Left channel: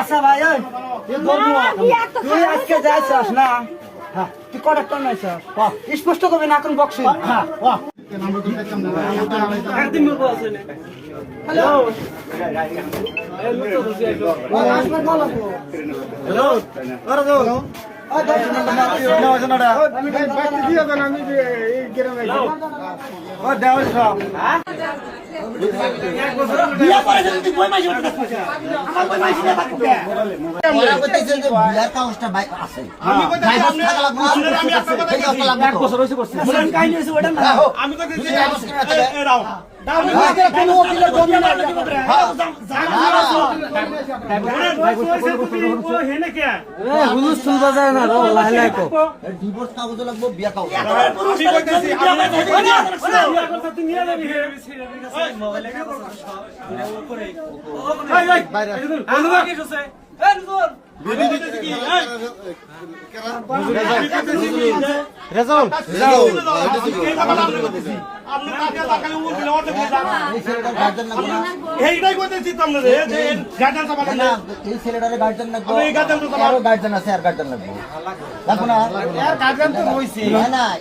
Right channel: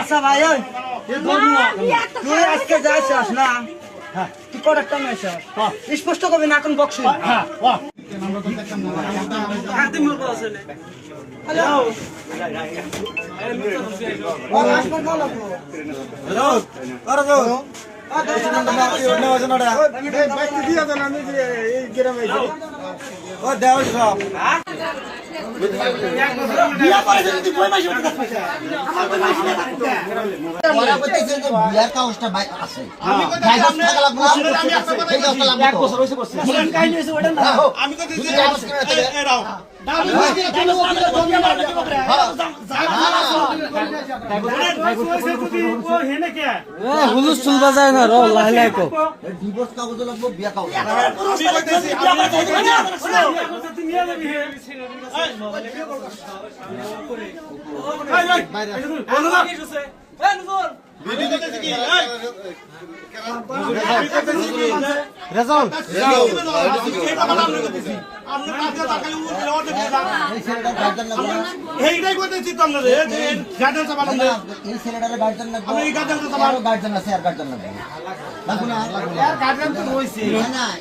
আচ্ছা ভাই তুই আজকে যাইছিস না তুই কটা নাইছ স্পষ্ট করবি না কোন বক্স ডিভোর্স কাগজ লাগবো বিয়া কাগজ গার্জেন আছে আর গার্জেন লাগবে লাগবো না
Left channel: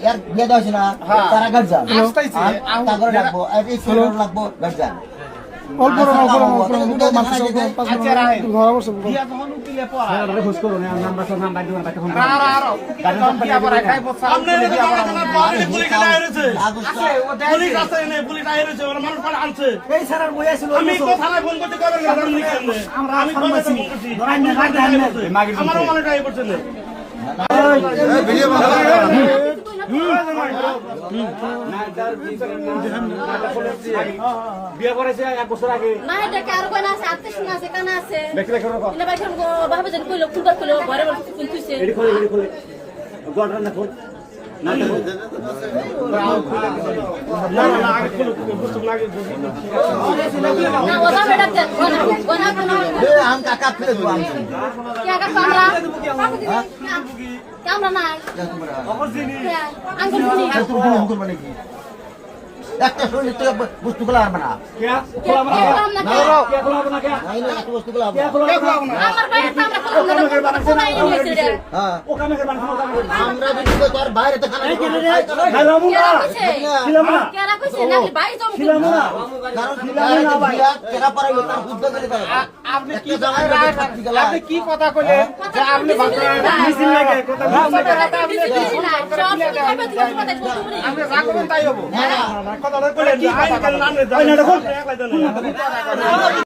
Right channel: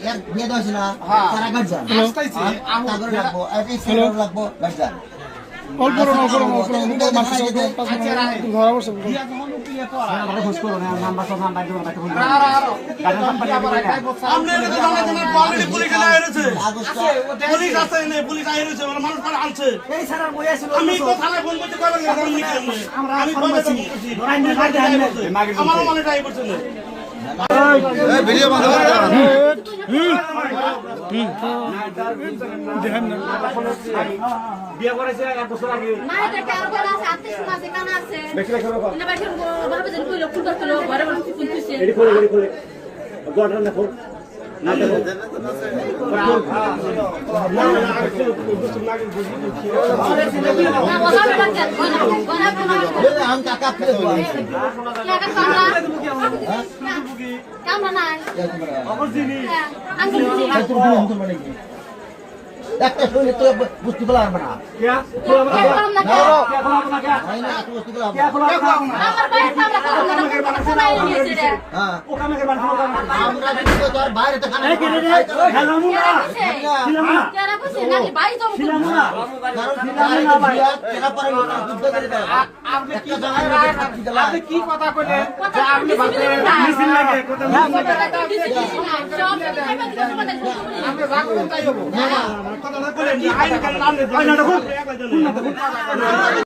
এর বিয়ে দেওয়া হয়েছে না তারা গার্জেন তারপরে লাগবো এই ছেলেটা লাগবো গার্জেন অল্প বিয়ে করেছে 1 বছর আগে না এটা কারো কোন আছে আত্মীয় শোনা আছে কানে আছে দেখলে করো না ভাই ভাবে যেন কইলো ফুলবার কইলো ঘরে বড় ফুল তুইছে এডি করে গড়রা না কর না দেখো না ওরা বেড়াতে গোনা আম কাকা ফেলে দেবো আমি কাকা পালা কেমন না আঙ্গুল দিছি একটা শরীরে তো বস্তুগুলো আর না বস্তুগুলো আমরা তোর বাইরে তো কি কথা কইলেন আপনি আপনি